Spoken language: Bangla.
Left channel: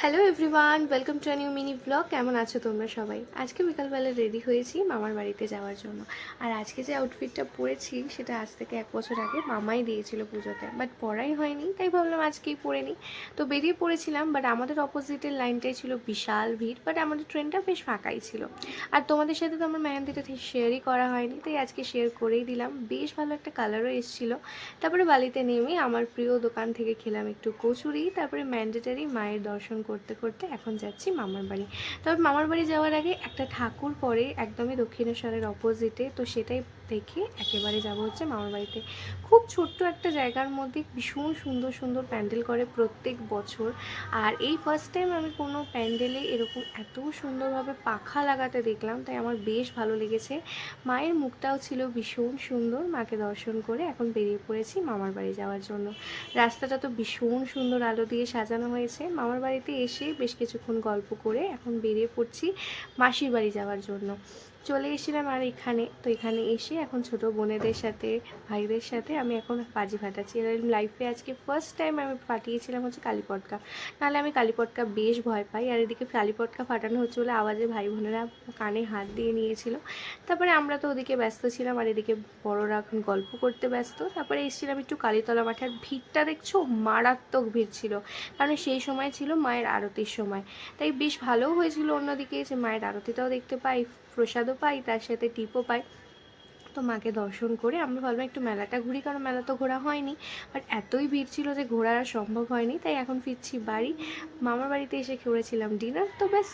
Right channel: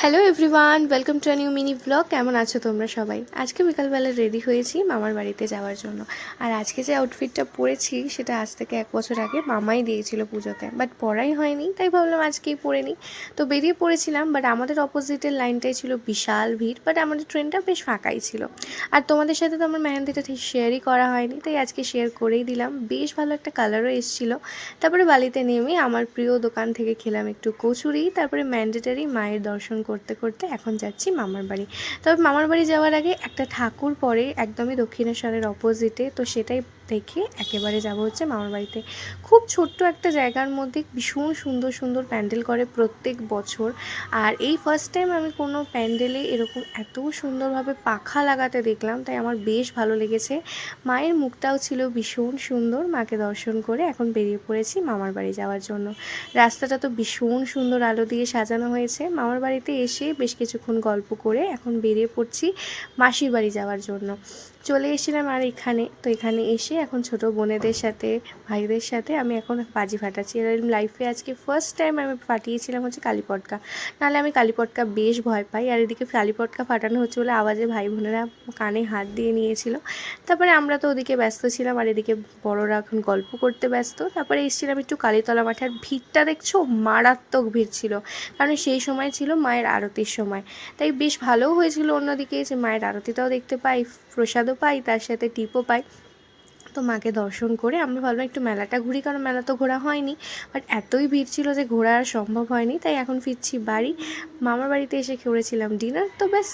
Hello everyone, welcome to a new mini blog. কেমন আছো তোমরা সবাই? আজকে বিকালবেলা রেডি হয়েছি মামার বাড়িতে যাওয়ার জন্য। আর আজকে যে আউটফিটটা পরেছি সেটা আজ থেকে 1 বছর আগে মামাই দিয়েছিল পুজোতে, বাট পরাই হয়নি, তাই ভাবলাম আজকেই পরে নিই। তো বেরিয়ে পড়েছিলাম, বাট আমাদের অপোজিটের লাইনটাই ছিল বিশাল ভিড়, বাট আমাদের ট্রেনটা বেশ ফাঁকাই ছিল। আর তোমাদের সাথে তো আমার মেহেন্দিটা ঠিক শেয়ারই করা হয়নি, তাই আজকে শেয়ার করেই দিলাম। বেশ ভালো একটা কালারও এসেছিলো। তারপরে বালিতে নেমে আমার প্রিয় দোকান থেকে খেলাম একটু কচুরি, তারপরে ম্যান্ডেটারি মায়ের দর্শন করতে করতে এখন যাচ্ছি মামার বাড়ি। তবে মামার বাড়ি যাওয়ার আগে একটা ঠাকুর পড়ে একদমই দক্ষিণেশ্বরের অপোজিটে, তো সেটাই দেখে একেবারে যাব হচ্ছে মামার বাড়িতে। খুব ছোট্ট একটা জায়গার মধ্যে ভীষণ সুন্দর সুন্দর প্যান্ডেল করে প্রত্যেক বছর। আর এই ফার্স্ট টাইম আমি কোনো প্যান্ডেলে এরকম এত সুন্দরভাবে পাখা লাগাতে দেখলাম, তাই আমার বেশ ভালো লেগেছে। মায়ের মুখটাও ছিল ভীষণ সুন্দর। মাকে দর্শন করে এখন বেরিয়ে পড়েছি মামার বাড়ি যাওয়ার জন্য। রাস্তাটা তো ভীষণ সুন্দর আলো দিয়ে সাজানো হয়েছে। মামার বাড়িতে এসে বেশ কিছুক্ষণ গল্প করে এখন বেরিয়ে পড়ছি মাসির বাড়ি যাওয়ার জন্য। চলে এসেছিলাম আর এখানে তো, এখানে এসে এখন ছোট বোনেদের সাথে ভাইদের সাথে আমি এখন বাজি ফাটাচ্ছি। এরকম লাইফে আজকে ফার্স্ট টাইম আমি ফাটিয়েছিলাম হচ্ছে কালী পটকা। নাহলে আমি কালী পটকা বেশ ভয় পাই, আর এদিকে কালী পটকা ফাটানো হচ্ছে বলে আওয়াজে ভাই বোনেরা কানে হাত দিয়ে নিয়েছিল। তারপরে আমরা তো ওদিকে ব্যস্ত ছিলাম, আর এদিকে বড়রা এখন গল্প করতে ব্যস্ত। তারপরে এসেছিলাম একটু কালীতলা মাঠে। আর ভিড়টা দেখছো, মারাত্মক ভিড় ছিল, কারণ সেই সময় ছিল মায়ের আরতির সময়। তাই বেশ ভালোও হয়েছিল অন্যদিকে, যে মায়ের আরতিটাও দেখতে পাই, প্রসাদও পাই, তার সাথে টিপও পাই। তো মাকে দর্শন করে আমরা ভাবলাম একটু মেলাটা ঘুরি, কারণ মেলা তো ঘোরা হয়নি, বাট এতই ভিড় ছিল যে ঘোরা আর সম্ভব হয়নি। তাই এখন ফিরছি বাড়ি। মামার বাড়িতে এসে করেছিলাম ডিনার, তো ব্যাস।